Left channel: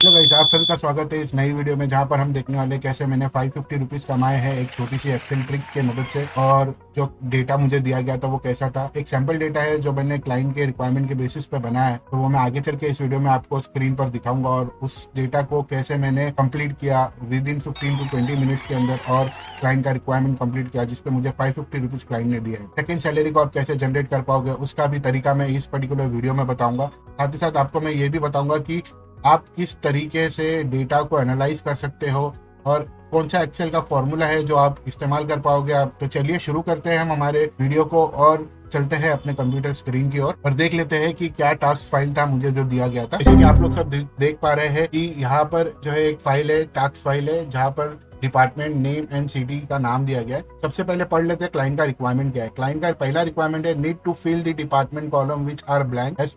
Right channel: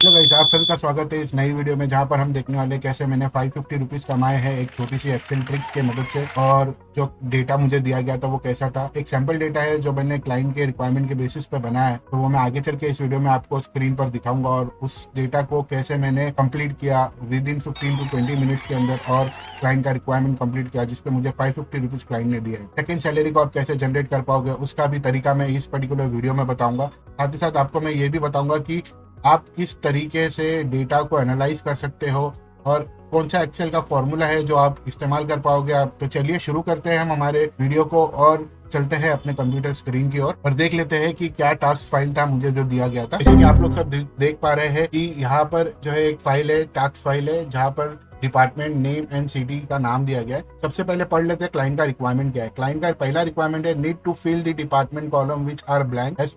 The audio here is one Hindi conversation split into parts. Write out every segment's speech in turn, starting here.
हेलो गाइस, आप सभी का स्वागत है इस नई वीडियो में जहां पर हम देखने वाले हैं कैसे मैंने 550 रुपीज़ कमाए हैं एक छोटी सी एक्सेल ट्रिक के मदद से। और जो डेटा मुझे दिया गया था वो कैसा था, एक सैंपल डेटा है जो मैंने क्लाइंट के रिक्वायरमेंट के बेसिस पे बनाया है। तो वो मैं आगे चल के इस वीडियो में आपको स्क्रीन पर दिखाऊंगा और उस डेटा को कैसे मैंने कंप्लीट किया विद इन 15 to 20 मिनट्स के अंदर और क्लाइंट का रिक्वायरमेंट कंप्लीट किया जिसके मुझे 550 रुपीज़ क्लाइंट ने दिया है। सेकंड सैलरी को आप कैसे जनरेट कर पाओगे उसका भी तरीका मैं इस पर्टिकुलर वीडियो में बताऊंगा। साथ ही साथ आपको मैं ये भी बताऊंगा कि आप किस तरीके से डेटा को एनालाइज कर सकते हो और कौन सा एक्सेल का फॉर्मूला है जो आप इस्तेमाल कर पाओगे आप। तो चलिए शुरू करते हैं हम हमारे वीडियो को और चलते हैं अपने कंप्यूटर स्क्रीन की ओर और देख लेते हैं कि क्या टास्क फाइल था मुझे जो दिया गया था। जैसे कि आप लोग सब देख पा रहे हैं कि यहाँ पर जो है एक फाइल है, टास्क फाइल है, जहाँ पर डिपार्टमेंट नेम एंड सिटी का नाम दिया गया है। सबसे पहले पढ़ लेते हैं क्लाइंट का रिक्वायरमेंट क्या है। क्लाइंट का पहला रिक्वायरमेंट है need to fill the department column which are blank as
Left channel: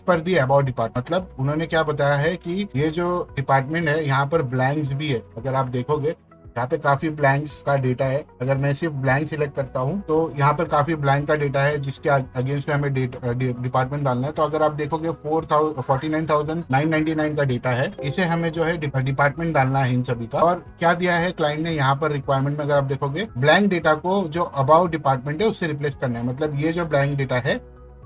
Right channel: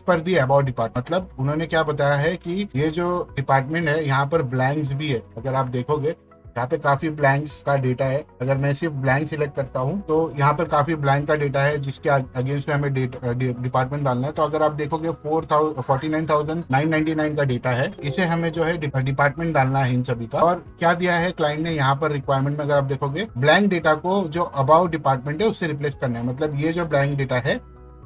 per the about department. मतलब उन्होंने क्या बताया है कि ये जो डिपार्टमेंट है यहाँ पर ब्लैंक्स भी है। अगर आप देखोगे यहाँ पे काफी ब्लैंक्स का डेटा है। अगर मैं सिर्फ ब्लैंक सिलेक्ट करता हूँ तो यहाँ पर काफी ब्लैंक का डेटा है जिसके अगेंस्ट में हमें डिपार्टमेंट डालना है। तो अगर आप देखोगे 49,999 का डेटा है, इसे हमें जो है डिपार्टमेंट डालना है इन सभी का। और क्या दिया है क्लाइंट ने यहाँ पर रिक्वायरमेंट में, अगर आप देखोगे ब्लैंक डेटा को जो अबाउट डिपार्टमेंट है उससे रिप्लेस करना है। मतलब ये जो ब्लैंक डेटा है,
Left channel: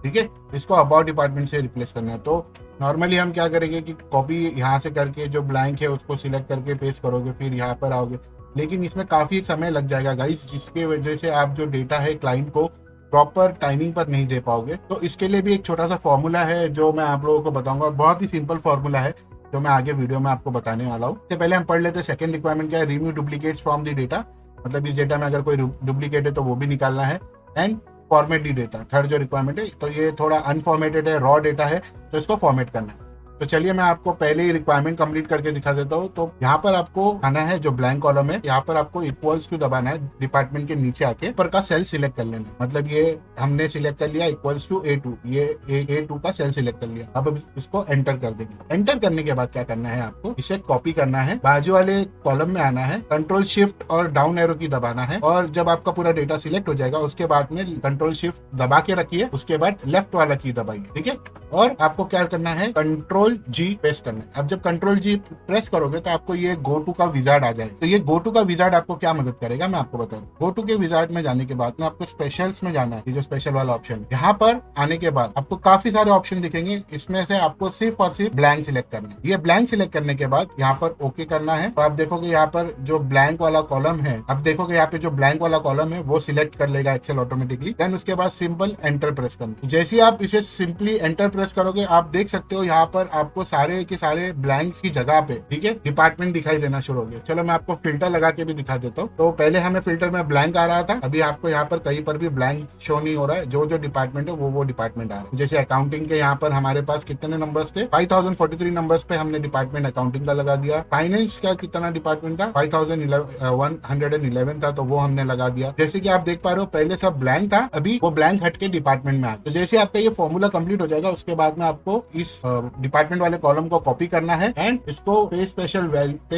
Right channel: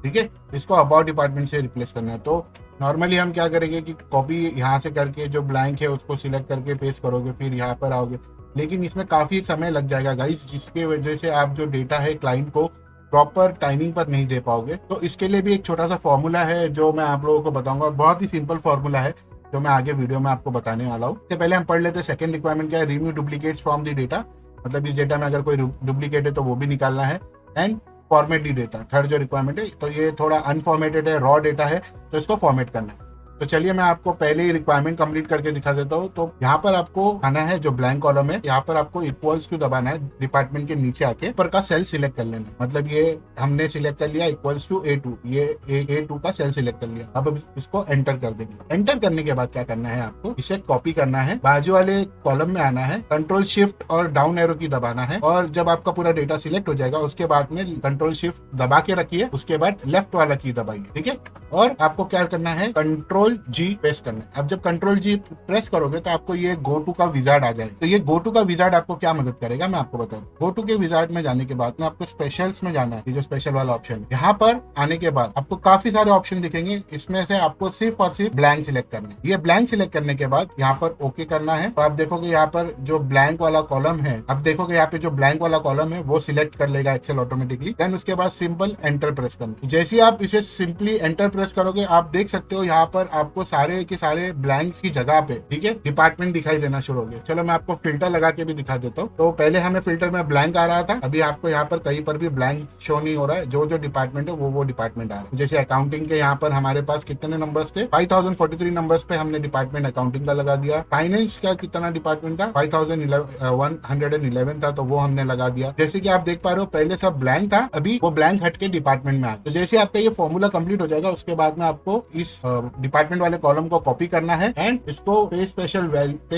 ठीक है, इसको अबाउट डिपार्टमेंट से रिप्लेस करना है। तो नॉर्मली हम क्या करेंगे कि कॉपी यहाँ से करके जो ब्लैंक है उसको सिलेक्ट करके पेस्ट करोगे, फिर यहाँ पर आओगे, लेकिन इसमें काफी समय लग जाएगा गाइस, जिसकी वजह से आप जो डेटा है क्लाइंट को प्रॉपर टाइमिंग पर नहीं दे पाओगे। तो इसके लिए भी एक छोटा सा फॉर्मूला है जो मैं आप लोगों को बताऊंगा। बहुत ही सिंपल फॉर्मूला है जो मैं आगे वीडियो में आपको बताने वाला हूँ। इससे पहले हम पढ़ लेते हैं सेकंड रिक्वायरमेंट क्या है। Remove duplicates from the data. मतलब इस डेटा में अगर कोई डुप्लीकेट है तो वो भी निकालना है। एंड फॉर्मेटेड डेटा, थर्ड जो रिक्वायरमेंट है, तो ये थोड़ा अनफॉर्मेटेड है, रॉ डेटा है, तो इसको फॉर्मेट करना है। तो चलिए मैं आपको पहले ही रिक्वायरमेंट कंप्लीट करके दिखा देता हूँ। तो यहाँ पर आपको आना है, जो ब्लैंक कॉलम है यहाँ पर आपको इक्वल्स टू दबाना है। डिपार्टमेंट के नीचे आके ऊपर का सेल सिलेक्ट कर लेना है। मतलब ये हमने सिलेक्ट कर लिया इक्वल्स टू A2, ये A2 का सेल सिलेक्ट कर लिया। अब इसको एंटर कर देंगे। एंटर करने के बाद क्या करना है, आपको इसे कॉपी करना है, बाजू वाले कॉलम में आना है, कंट्रोल शिफ्ट और डाउन एरो की दबाना है। और जब आपका पूरा डेटा सिलेक्ट हो जाएगा उसके बाद में कंट्रोल शिफ्ट दबा के रखिए, उसके बाद लेफ्ट वाला की दबाइए, ठीक है। और आपको क्या करना है, कंट्रोल जी प्रेस करना है। अब जब कंट्रोल जी प्रेस करोगे तो आपको ये गो टू का विजार्ड आ जाएगा। तो ये गो टू का विजार्ड आपको क्या मदद करेगा मैं आपको बताऊं। गो टू के विजार्ड में जाने के बाद में आपको स्पेशल्स में जाना है, जो स्पेशल वाला ऑप्शन, यहाँ पर आने के बाद आपको काफी सारे ऑप्शन दिखेंगे। इसमें से आपको सिर्फ और सिर्फ ब्लैंक सिलेक्ट करना है। ये ब्लैंक सिलेक्ट करने के बाद यहाँ पर ओके करना है। तो आप देखोगे यहाँ पर जो ब्लैंक वाला कॉलम है, आप देखोगे यहाँ पे जो ब्लैंक वाला कॉलम है वो सिलेक्ट कर लेगा एक्सेल ऑटोमेटिकली। देन उसके बाद सिंपल एंटर प्रेस करना। जैसे आप इसे सिंपली एंटर प्रेस करोगे आप देख सकते हो यहाँ पर आपको सारे के सारे ब्लैंक्स की जगह पे, ठीक है, डिपार्टमेंट दिखाई देना शुरू हो गया। चलो मैं आपको फिल्टर लगा के भी दिखा देता हूँ। तो पहले हमें फिल्टर में ब्लैंक आ रहा था, अभी आपको यहाँ पर कहीं पर भी ब्लैंक शो नहीं हो रहा है। जो जो डिपार्टमेंट है वो डिपार्टमेंट आ रहा है। जैसे अकाउंटिंग के यहाँ पर हमारे पास कितने नंबर्स थे, 5043 नंबर्स पे हमने डिपार्टमेंट अकाउंटिंग का लगा दिया। फाइनेंस का कितना डिपार्टमेंट था, 5111 था, तो वो हमने लगा दिया। जैसे कि आप देख पा रहे हो पहले सब ब्लैंक था, अभी वो ब्लैंक हट के डिपार्टमेंट में आ। तो जैसे आपका ये फॉर्मूला कंप्लीट हो जाएगा उसके बाद में आपको इस डिपार्टमेंट वाले कॉलम को कॉपी करना है एंड इसको पे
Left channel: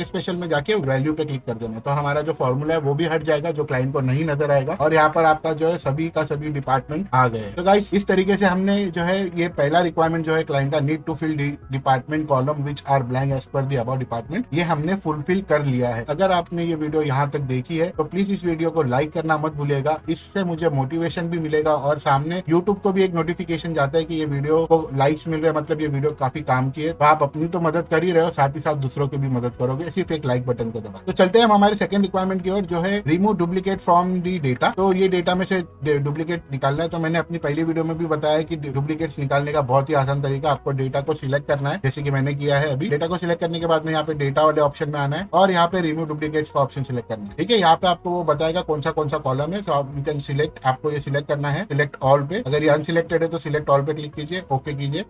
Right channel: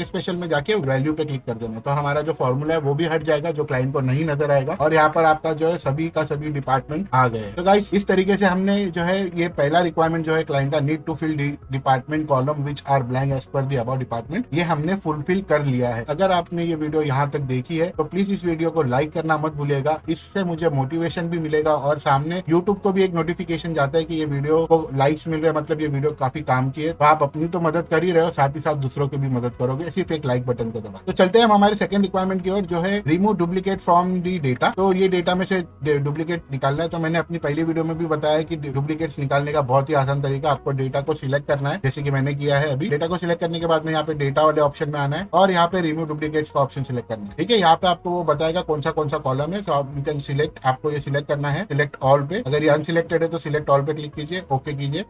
स्पेशल में जाके वैल्यू पे क्लिक कर देना है। तो हमारा जो फॉर्मूला है वो भी हट जाएगा, जो क्लाइंट को नहीं नजर आएगा, और यहाँ पर आपका जो है सभी का सभी डिपार्टमेंट आ गए। तो गाइस इस तरीके से हमने जो है ये पहला रिक्वायरमेंट जो है क्लाइंट का, need to fill department column which are blank as per the about department, ये हमने फुलफिल कर लिया है। अगर आपने ये वीडियो यहाँ तक देखी है तो प्लीज इस वीडियो को लाइक करना मत भूलिएगा। इससे मुझे मोटिवेशन भी मिलेगा और सामने यूट्यूब को भी एक नोटिफिकेशन जाता है कि ये वीडियो को लाइक्स मिल रहे हैं, मतलब ये वीडियो काफी काम की है। तो आप अपनी तो मदद कर ही रहे हो, साथ ही साथ दूसरों की भी मदद करोगे सिर्फ एक लाइक बटन को दबा। तो चलते हैं हम हमारे सेकंड रिक्वायरमेंट की ओर, जो है remove duplicate from the data. तो ये डेटा में से डुप्लीकेट निकालना है। तो मैंने अपनी पहली वीडियो में भी बताया कि डुप्लीकेट्स निकालने का बहुत ही आसान तरीका, आपको डेटा को सिलेक्ट करना है, जैसे कि मैंने किया है। अभी डेटा को सिलेक्ट करने के बाद में यहाँ पे डेटा वाले ऑप्शन में आना है और यहाँ पे रिमूव डुप्लीकेट्स का ऑप्शन सिलेक्ट करना है, ठीक है। यहाँ पे आपको वो बताएगा कौन सा कॉलम है, सो आप यू कैन सिलेक्ट, आपको ये सिलेक्ट करना है, सिलेक्ट ऑल पे। अगर ये अनसिलेक्टेड है तो सिलेक्ट ऑल पे क्लिक कीजिए, ओके कीजिए।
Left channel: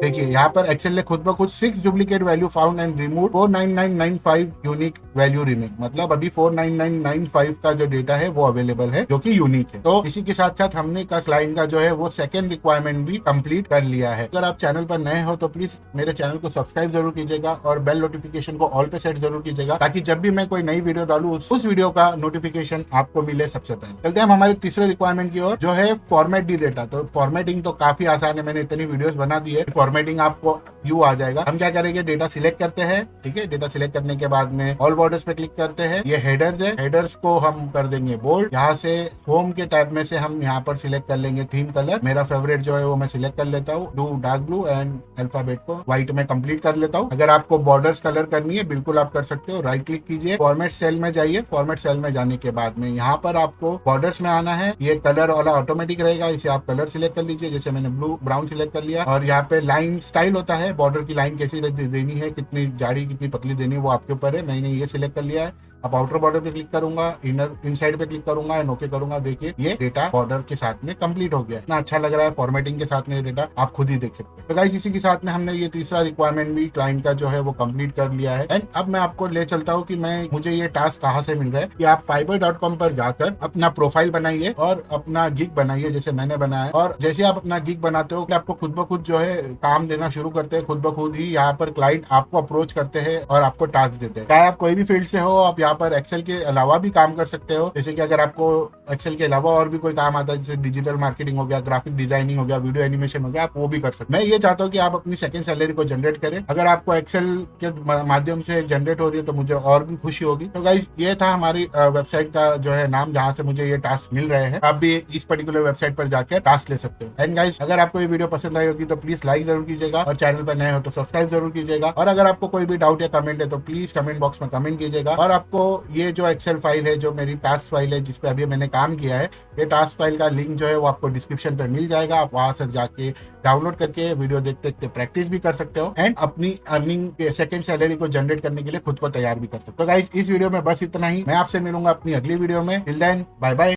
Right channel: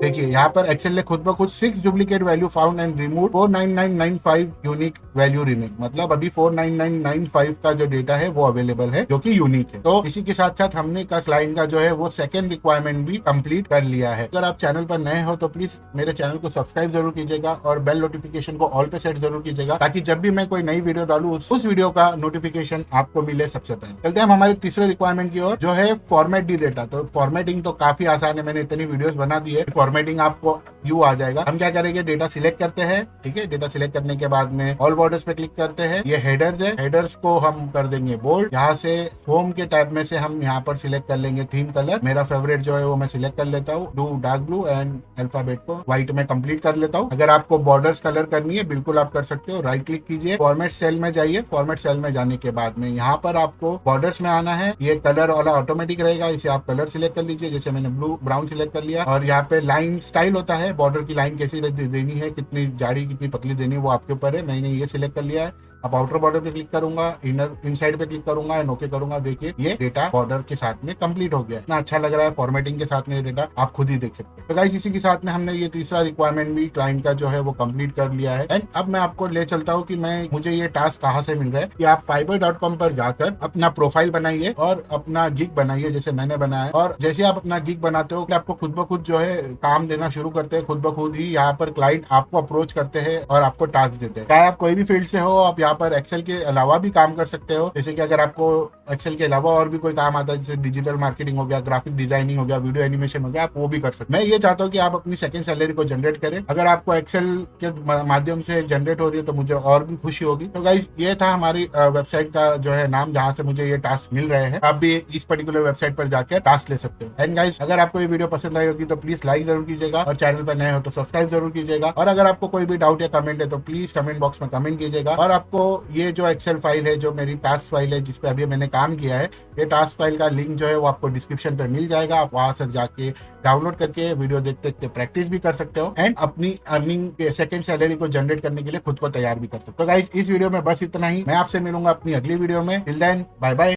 देखिए यहाँ पर एक्सेल ने खुद में खुद 6 duplicate value found and remove 49995 unique value remain. मतलब अभी 49995 का जो डेटा है वो अवेलेबल है, जो कि यूनिक है। तो इसी के साथ साथ हमने का क्लाइंट का जो है वो सेकंड रिक्वायरमेंट भी कंप्लीट कर लिया है। अगर आप चैनल पर नए हो तो प्लीज मेरे चैनल को सब्सक्राइब जरूर कीजिएगा और बेल नोटिफिकेशन को ऑल पर सेट जरूर कीजिएगा, ताकि जब भी मैं कोई नई वीडियो डालू उस वीडियो का नोटिफिकेशन आपको मिले सबसे पहले। चलते हैं हमारे तीसरे रिक्वायरमेंट की ओर, जो है फॉर्मेट दी डेटा। तो फॉर्मेटिंग तो काफी आसान है, मैंने इतनी वीडियोस बना दी है। फॉर्मेटिंग आपको व्यू आ जाएगा। हम क्या करेंगे, डेटा सिलेक्ट करते हैं, ठीक है। डेटा सिलेक्ट करने के बाद में ऑल बॉर्डर्स पे क्लिक करते हैं। ये हेडर्स है, हेडर्स को हम कर देंगे बोल्ड। यहाँ से होम के टैब में से हम यहाँ पर सिलेक्ट कर लेंगे थीम कलर। मेरा फेवरेट जो है वो मैं सिलेक्ट कर लेता हूँ, blue, dark blue and alphabet को व्हाइट में कंप्लीट कर लेता हूँ। अगर आपको बॉर्डर्स कलर करनी है बिल्कुल आप कर सकते हो। राइट क्लिक कीजिए, फॉर्मेट सेल में जाइए। फॉर्मेट सेल में जाने के बाद में यहाँ पर आपको बॉर्डर्स में आना है। ये कलर वाला ऑटोमेटिक रहेगा, इसे आप कलर सिलेक्ट कर लीजिए। जैसे मैंने ब्लू ब्राउन सिलेक्ट कर लिया। और यहाँ पे लाइन स्टाइल होता है, बॉर्डर की लाइन कैसे देनी है, कितनी जाड़ी कितनी पतली देनी है, वो आपके ऊपर है। मैंने ये सिलेक्ट कर लिया है। अब आउटर बॉर्डर पे क्लिक करूंगा, इनर इनसाइड पे क्लिक करूंगा एंड ओके करूंगा। देखिए ये डेटा बॉर्डर के साथ में कंप्लीट हो गया। इतना अच्छा लग रहा है फॉर्मेटिंग के साथ में ये डेटा, आप खुद ही देख सकते हैं। तो गाइस इसी के साथ में हमने ये तीसरा रिक्वायरमेंट भी क्लाइंट का जो है वो कंप्लीट कर लिया है। एंड अब मैं आपको ले चलता हूँ कि मुझे ये टास्क कहाँ से मिल रहा है। कि आप fiverr.com पर जाकर अपना प्रोफाइल बनाइए और अपना गिग बनाइए, जैसे मैंने बनाया है। और जैसे आप अपना गिग बनाते हो आपको खुद ब खुद जो है काम देना शुरू करते हैं। खुद ब खुद ही यहाँ पर क्लाइंट आपको अप्रोच करते हैं और आपको टास्क देते हैं। चाहे आप कोई भी फील्ड से हो, आप यहाँ पर एक्सेल के अलावा भी काम कर सकते हो। जैसे कि अगर आपको एक्सेल के अलावा और भी कोई काम आता है, जैसे डिजिटल मार्केटिंग हो गया, ग्राफिक डिजाइनिंग हो गया, वीडियो एनिमेशन हो गया, आप वो भी कर सकते हो। मैं ये चाहता हूँ कि आप अपनी सेकंड सैलरी को जनरेट करें। अगर आपको एक्सेल के माध्यम से जनरेट हो रही है तो मुझे और भी खुशी होगी। तो गाइस ये था हमारी वेबसाइट का जो है नाम, जहाँ से मुझे ये टास्क मिल रहे हैं। आप भी इस पर्टिकुलर वेबसाइट पर जाकर टास्क ले सकते हैं। एंड गाइस अगर आपको ये वीडियो पसंद आई होगी तो प्लीज लाइक जरूर कीजिएगा और चैनल पर नए हो तो सब्सक्राइब जरूर कीजिएगा। और अगर आपको कोई भी डाउट या कमेंट है तो प्लीज कमेंट बॉक्स में कमेंट कीजिएगा। और आपको ये जो एक्सेल फाइल है, जो मेरी टास्क फाइल है जिसपे अभी मैंने काम किया है, ये टास्क फाइल का लिंक जो है वो आपको डिस्क्रिप्शन पे मिल जाएगा। आप वहां से जाके डाउनलोड करके वीडियो देख सकते, प्रैक्टिस भी कर सकते हो एंड अपनी अर्निंग सेकंड सैलरी को जनरेट करने के लिए खुद को तैयार भी कर सकते हो। तो गाइस इस वीडियो में बस इतना ही। मैं आपसे मिलूंगा अपनी अगली वीडियो में। Till then bye bye.